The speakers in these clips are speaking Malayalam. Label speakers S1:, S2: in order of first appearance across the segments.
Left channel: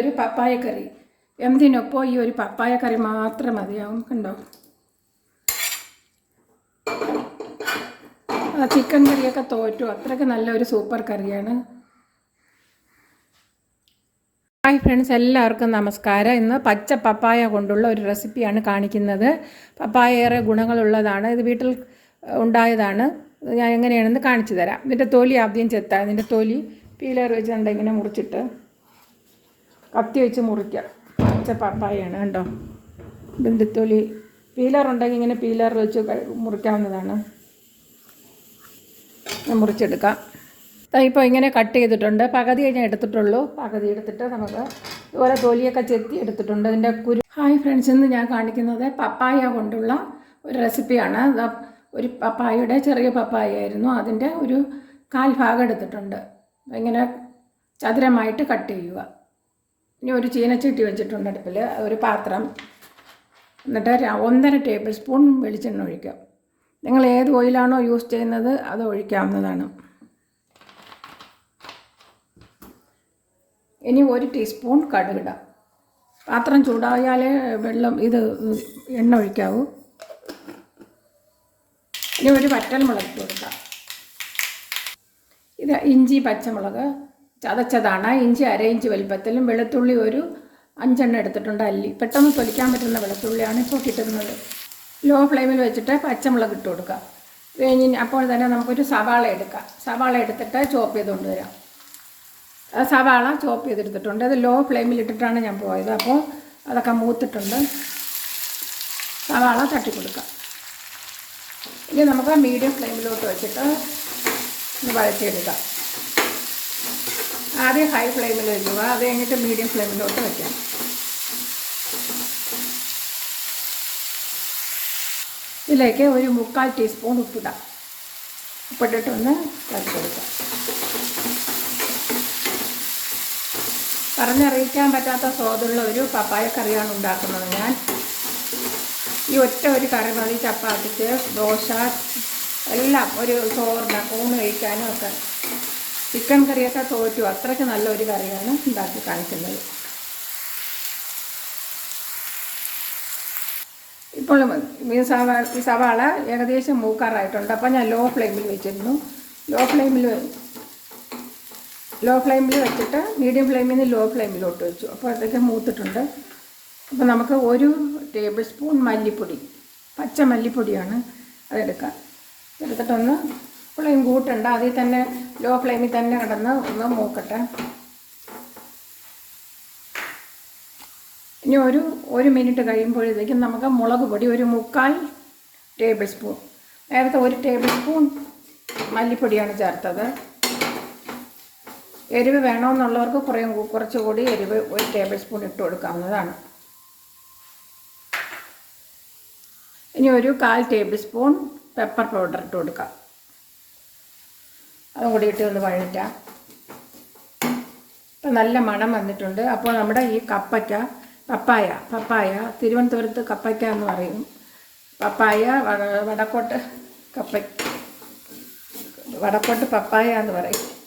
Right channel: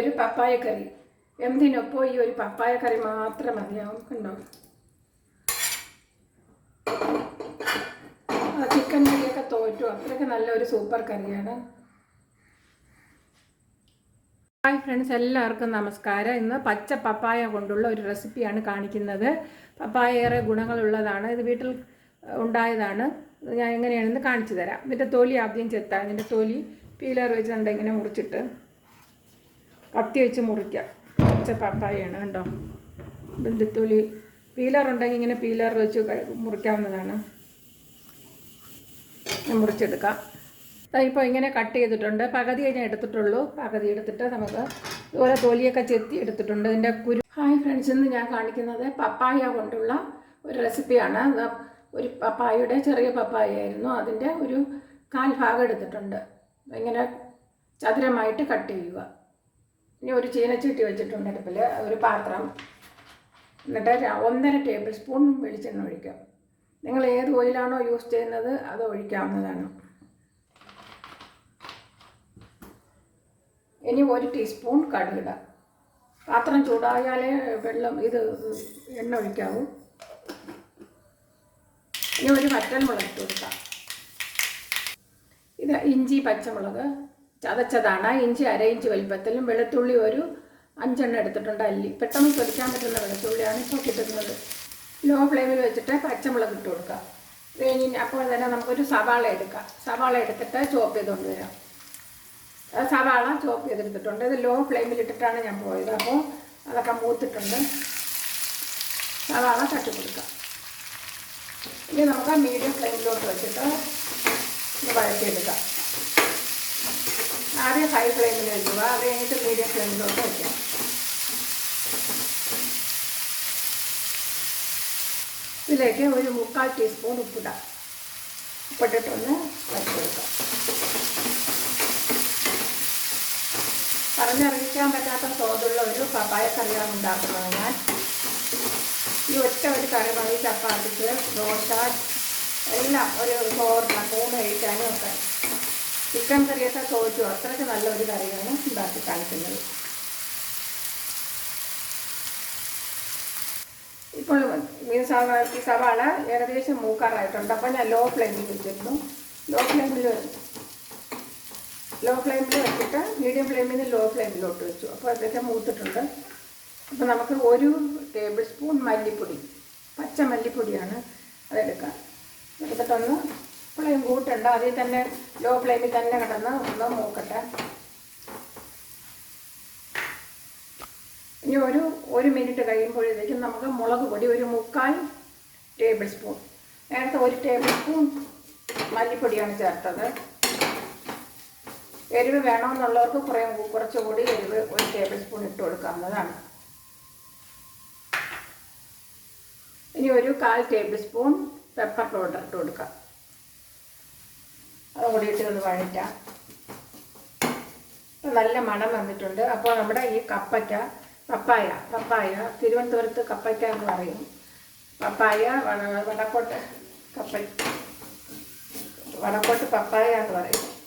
S1: ഒരു പപ്പായ കറി. എന്തിനൊപ്പം ഈ ഒരു പപ്പായ കറി മാത്രം മതിയാവും കണ്ടോ ആ ചിക്കൻ കറിയൊക്കെ തോറ്റു. അത്രയ്ക്ക് നല്ല ഒരു സൂപ്പർ കറിയാണ്. ഹായ് ഫ്രണ്ട്സ് എല്ലാവർക്കും നമസ്കാരം. ഇന്ന് പച്ച പപ്പായ കൊണ്ടുള്ള ഒരു റെസിപ്പിയാണ് കാണിക്കുന്നത്. പപ്പായ ഏറെ ഗുണങ്ങളുള്ളതാണ്. ഇത് വീട്ടിൽ ഉണ്ടായതാണ്. ഞാൻ എങ്ങനെയാണെന്ന് കാണിച്ചു തരാം. ഇതിന്റെ തൊലി ആദ്യം ചെത്താം. ഇതിന്റെ തൊലി പീലർ വെച്ചിട്ടുണ്ട് ഇങ്ങനെ മുറിച്ചിട്ട്. കത്തി വെച്ച് മുറിക്കുക. പച്ച പപ്പായയാണ് കണ്ടോ? ഇതിന്റെ പീലർ ഉണ്ടെങ്കിൽ ഇങ്ങനെ പീലർ വെച്ച് മുറിക്കാവുന്നതാണ്. മുറിച്ചെടുക്കാം. ഇപ്പോൾ ഇങ്ങനെ കട്ട് ചെയ്തിട്ടുണ്ട്. പകുതി കഴിഞ്ഞാൽ എടുത്തിട്ടുള്ളൂ. പകുതി എടുത്തിട്ട് നമുക്ക് ഇതുപോലെ തൊലിയൊക്കെ ചെത്തി എടുത്തിട്ടുണ്ട്. ഇതിന്റെ കുരു ഹായ് ഫ്രണ്ട്സ് ഇന്ന് ഞാൻ കാണിക്കുന്നത് പപ്പായ കൊണ്ടുള്ള ഒരു റെസിപ്പിയാണ്. ഒരു പപ്പായയുടെ ചെറിയ പപ്പായ ആയിരുന്നു അതിന്റെ ഒരു കാൽ ഭാഗം എടുത്തിട്ടുണ്ട്. ഇങ്ങനെ ചതുരമായിട്ട് കട്ട് ചെയ്യുക. ഇനി ഒരു ചീനച്ചട്ടി വെച്ചിട്ടുണ്ട് അടുപ്പിൽ. ഒരു പാത്രം. എന്നിട്ട് ഒന്നര ടേബിൾ സ്പൂൺ വെളിച്ചെണ്ണ ഒഴിക്കാം നിങ്ങൾ ഏത് ഓയിലാണോ യൂസ് ചെയ്യുന്നത് അത് ഒഴിക്കാവുന്നതാണ്. ഇനി ഒരു ടീസ്പൂൺ കടുകിടാം പാത്രം ചൂടായാലേ വെള്ളം ഇത് എണ്ണ ഒഴിക്കാവൂ. ഇനി ഒരു വറ്റൽ മുളക് കൊടുക്കാം ഇത് ഇഞ്ചി പച്ചമുളക്. ചതച്ചതാണ്. ഇഞ്ചി അര ഇഞ്ച് വലിപ്പത്തിലും വെളുത്തുള്ളി ഒരു അഞ്ചെണ്ണം എടുത്തിട്ടുണ്ട് അല്ലി. പെട്ടെന്ന് തൊലിക്കാൻ പറ്റുന്ന വെളുത്തുള്ളിയാണ് ഇപ്പോൾ കിട്ടുന്നത് ലോ ഫ്ലെയിമിൽ വെച്ചിട്ട് പച്ചമുളക് ഇട്ട് കൊടുക്കുക. കഴിഞ്ഞ് അപ്പോൾ തന്നെ നമുക്കൊരു സവാള എടുക്കാം. സവാള എടുത്തിട്ട് ചോപ്പ് ചെയ്ത് കൊണ്ടുവരാം സവാള ചോപ്പ് ചെയ്തെടുത്തിട്ടുണ്ട്. അത് ലോ ഫ്ലെയിമിൽ ഇട്ടിട്ടാണ് ഞാൻ പോയത്. അപ്പോൾ അതൊക്കെ മൂത്തിട്ടുണ്ട്. സവാള തട്ടി കൊടുക്കാം. ഇനി നമുക്ക് മീഡിയം ഫ്ലെയിമിലോട്ട് വെച്ചിട്ട് വഴറ്റിയെടുക്കാം. ആദ്യം ഹൈ ഫ്ലെയിമിൽ വയ്ക്കുക അത് കഴിഞ്ഞിട്ട് മീഡിയം ഫ്ലെയിമിലോട്ട് വയ്ക്കാം. ഇതിലേക്ക് ഒരു മുക്കാൽ ടീസ്പൂൺ ഉപ്പിടാം. ഉപ്പിട്ടിട്ടൊന്ന് വരച്ചെടുക്കാം പറഞ്ഞറിയിക്കാൻ പറ്റാത്ത സ്വാദുള്ള ഒരു പപ്പായ കറിയാണ് ഉണ്ടാക്കുന്നത് ഞാൻ. ഈ ഒറ്റ ഒരു കറി മതി. ചപ്പാത്തിക്ക് ദോശ എല്ലാം ഒരു ചോറിന് ഊണ് കഴിക്കാനും ഒക്കെ. ചിക്കൻ കറിയൊക്കെ തോറ്റു. അത്രയ്ക്ക് നല്ലൊരു കറിയാണ് ഉണ്ടാക്കി കാണിക്കുന്നത്. ഇപ്പോൾ മീൻ സവാള ഈ സവാള ഏകദേശം മൂക്കാറായിട്ടുണ്ട്. അപ്പം ഞാൻ ലോ ഫ്ലെയിമിൽ വെച്ചിരുന്നു. ലോ ഫ്ലെയിമിൽ ലോ ഫ്ലെയിമിൽ വെച്ചിട്ട് മീഡിയം ഫ്ലെയിമിൽ നിന്ന് ലോ ഫ്ലെയിമിലോട്ട് വെച്ചു. അപ്പോൾ അതൊക്കെ മൂത്തിട്ടുണ്ട്. അപ്പോൾ നമുക്ക് ഒരു ടേബിൾ സ്പൂൺ മല്ലിപ്പൊടി പച്ച മല്ലിപ്പൊടിയാണ് അതെടുക്കാം. എടുത്തിട്ടൊന്ന് ഫ്ലെയിം കൂട്ടണ്ട അതിൽ തന്നെ ലോ ഫ്ലെയിമിൽ തന്നെ കിടന്ന് ഒന്ന് മൂക്കട്ടെ. ഇനി ഒരു ഒരു മിനിറ്റ് കഴിയുമ്പോഴത്തേക്കും നമുക്ക് മുളക് പൊടി ഒരു മുക്കാൽ ടേബിൾ സ്പൂൺ നേരത്തെ ഒരു ടേബിൾ സ്പൂൺ മല്ലിപ്പൊടിയാണ് ചേർത്തത്. എരിവ് വേണമെന്നുള്ളവർക്ക് കുറേ കുറച്ചുകൂടി എരിവ് ഒരു ടേബിൾ സ്പൂൺ ഇട്ട് കൊടുക്കാവുന്നതാണ്. ഇനി ഒരു കാൽ ടേബിൾ സ്പൂൺ പെപ്പർ പൗഡർ ഇട്ട് കൊടുക്കാം. അതും കൂടി ഇട്ട് ഒന്ന് വഴറ്റാം. ഇപ്പം നല്ല മണം വന്നിട്ടുണ്ട്. അപ്പോൾ നമ്മുടെ ഈ കപ്പയ്ക്ക പപ്പായ പപ്പായ തിരുവനന്തപുരത്ത് കപ്പയ്ക്ക എന്ന് പറയും. പപ്പായ വട- വടക്കോട്ട് കപ്പ വടക്കോട്ട് പപ്പായ എന്ന് പറയും.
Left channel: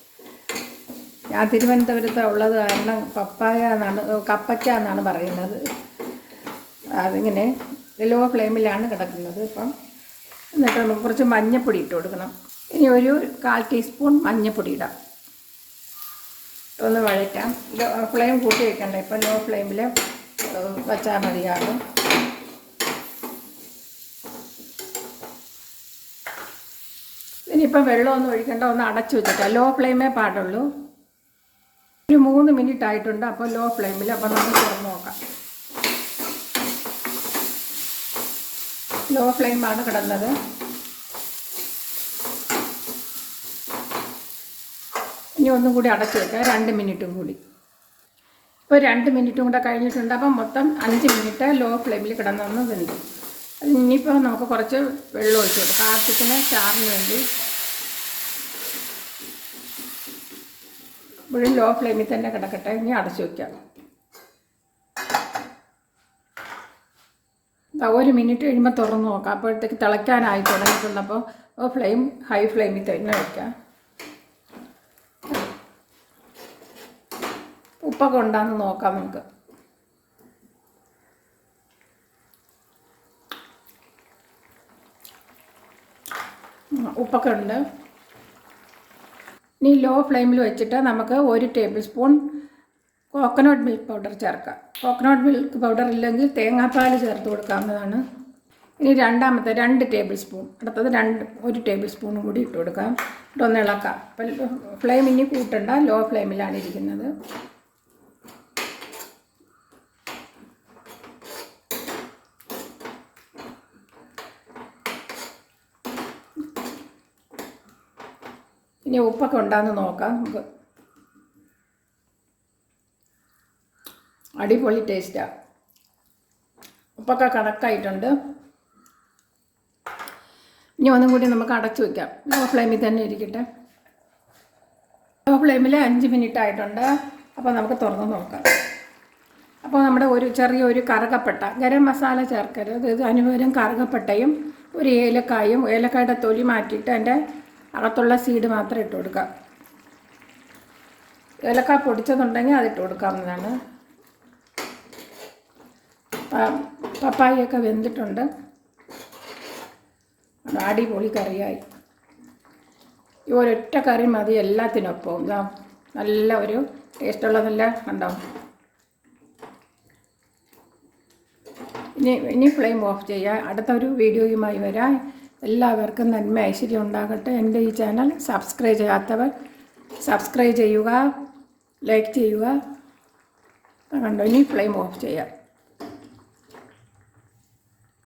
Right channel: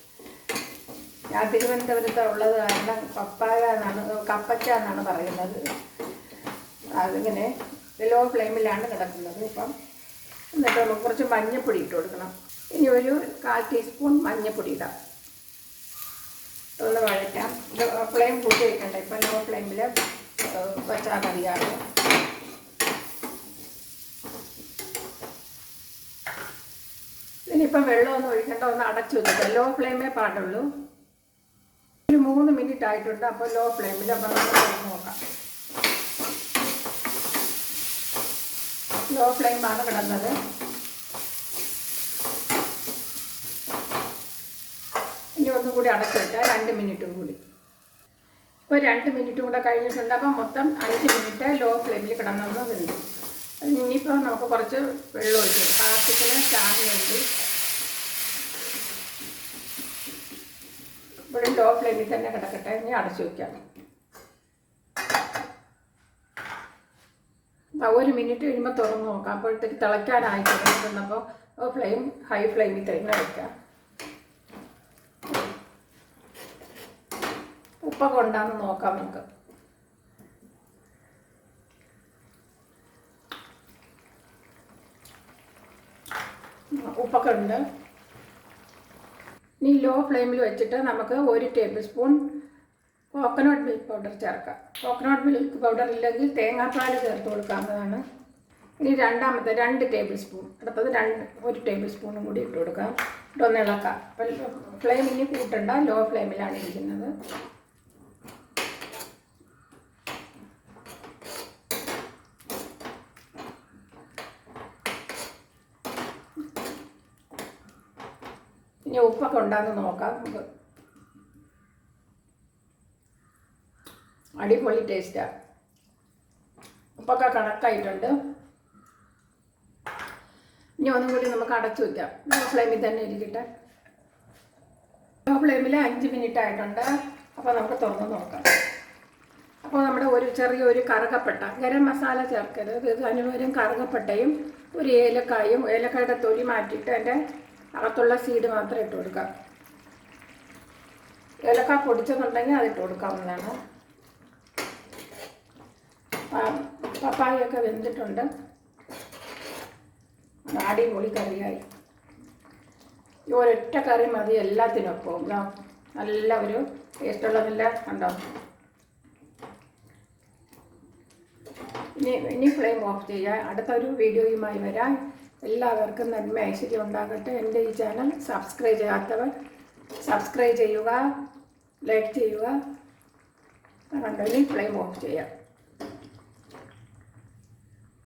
S1: ഞാൻ തിരുവനന്തപുരത്ത് ഉള്ളത് കാരണം പപ്പായ എന്നാണ് കപ്പയ്ക്ക എന്നാണ് പറയുന്നത്. അതിങ്ങനെ ലോ ഫ്ലെയിമിലാണ് കിടക്കുന്നത് ഇപ്പം. എന്നിട്ട് നമുക്ക് കുറച്ച് മഞ്ഞപ്പൊടി ഇട്ട് കൊടുക്കണം. ഇനി ഒരു കാൽ ടീസ്പൂൺ മഞ്ഞപ്പൊടി ഇടാം. ഒന്ന് വഴറ്റാം. ഫ്ലെയിം കൂട്ടി വെക്കണ്ട. ഇപ്പം ലോ ഫ്ലെയിമിൽ വച്ചാൽ മതിയാകും. ഇനിയിപ്പം വെള്ളമൊന്നും ഒഴിക്കണ്ട. ഒന്ന് അടച്ചു വെച്ചിട്ട് ലോ ഫ്ലെയിമേ പാടുള്ളൂ. ഒരു മൂന്ന് മിനിറ്റ് ആയിട്ടുണ്ട്. അപ്പോൾ ലോ ഫ്ലെയിമിൽ അപ്പോൾ നമുക്ക് തുറന്ന് നോക്കാം. ലോ ഫ്ലെയിമാണ് കിടന്നത്. ഇനി ഒന്നും കൂടി അടച്ചു വെക്കാം. രണ്ട് മിനിറ്റും കൂടി. ഇപ്പോൾ രണ്ട് മിനിറ്റും കൂടെ കഴിഞ്ഞിട്ടുണ്ട്. അപ്പം മൊത്തം അഞ്ച് മിനിറ്റ് ലോ ഫ്ലെയിമിൽ വെന്തു അത് ഇനിയിപ്പോൾ നമുക്ക് കുറച്ച് വെള്ളം ഒഴിച്ചു ആവശ്യത്തിന് ചാറിന് വേണ്ടി. ഇവിടെ ലോ ഫ്ലെയിമിൽ തന്നെ കിടക്കട്ടെ. ഇനി അടച്ചു വയ്ക്കാം ഒരു മിനിറ്റ് കഴിയുമ്പോൾ തുറന്ന് നോക്കാം. അപ്പോഴത്തേക്ക് തിളയ്ക്കാനായി തുടങ്ങിയിട്ടുണ്ടപ്പോൾ ഫ്ലെയിം ഹൈ ഫ്ലെയിമിൽ തന്നെ വയ്ക്കാം ഉപ്പ് ഉപ്പൊക്കെ ഉണ്ടാന്ന് നോക്കാം നമുക്ക്. ഉപ്പൊക്കെ ഉണ്ട്. ഇനി ലോ ഫ്ലെയിമിൽ വെച്ചിട്ട് നമുക്ക് ഒരു tablespoon coconut milk powder ചേർക്കാം കോക്കനട്ട് മിൽക്ക് പൗഡർ ഇല്ലെങ്കിൽ തേങ്ങാപ്പാൽ ചേർത്ത് കൊടുക്കാവുന്നതാണ്. ഇനി രണ്ടാമത്തെ രണ്ട് ടേബിൾ സ്പൂൺ അടുത്തത് രണ്ട് ഒരു ടേബിൾ സ്പൂണും കൂടി ഇട്ട് കൊടുക്കാം. ഇട്ടൊന്ന് ഇളക്കാം. അപ്പം ഫ്ലെയിം ഇനി കൂട്ടണ്ട. ലോ ഫ്ലെയിമിലാണ് ഇരിക്കുന്നത്. ഇനി ഉപ്പൊക്കെ ഉണ്ടാകുന്ന നോക്കാം. നമുക്ക് അടിപൊളി ടേസ്റ്റാണ് ഉപ്പൊക്കെ കണക്കായിട്ടുണ്ട്. ഇനി ഒന്നും കൂടി നമുക്ക് അടച്ചു വയ്ക്കാം ലോ ഫ്ലെയിമിൽ തന്നെ ഇരിക്കട്ടെ. ലോ ഫ്ലെയിമിൽ അഞ്ച് മിനിറ്റ് ആയിട്ടുണ്ട്. അപ്പോൾ നമുക്ക് തുറന്ന് നോക്കാം. അപ്പോൾ നമ്മുടെ ഒരു ചെറിയൊരു കറുകപ്പെട്ട ഗരം മസാല ചേർക്കരുത്. ഇത് അനുവരം കറുകപ്പെട്ടയും ഒരു ഏലക്കായും ഏലക്കായുടെ തൊലി മാറ്റിയിട്ട് അതിന്റെ അകത്തുള്ള സീഡ് മാത്രം ഇട്ട് കൊടുക്കാം. ഏലക്ക പൊടിച്ചതുണ്ടെങ്കിൽ അതിട്ട് കൊടുക്കാവുന്നതാണ്. പ- പപ്പായയൊക്കെ വെന്തിട്ടുണ്ട്. അടിപൊളി കറിയായി. ഈ ഒരൊറ്റ കറി മതി എല്ലാത്തിനൊപ്പം ഇതാ നല്ല ഒരു ടേസ്റ്റുള്ള നല്ല ഉണ്ടാവും ഇനി ഇനി ഫ്ലെയിം ഓഫ് ചെയ്യുക അടുത്ത ഒരു വീഡിയോയുമായി വരാം. എല്ലാവർക്കും നന്മ ഐശ്വര്യം ഉണ്ടാകട്ടെ. എന്റെ ഈ ചാനൽ സബ്സ്ക്രൈബ് ചെയ്യാത്തവർ സബ്സ്ക്രൈബ് ചെയ്യുക ലൈക്ക് ചെയ്യുക. കണ്ടോ ഇനി ഫ്ലെയിം ഓഫ് ചെയ്യാം.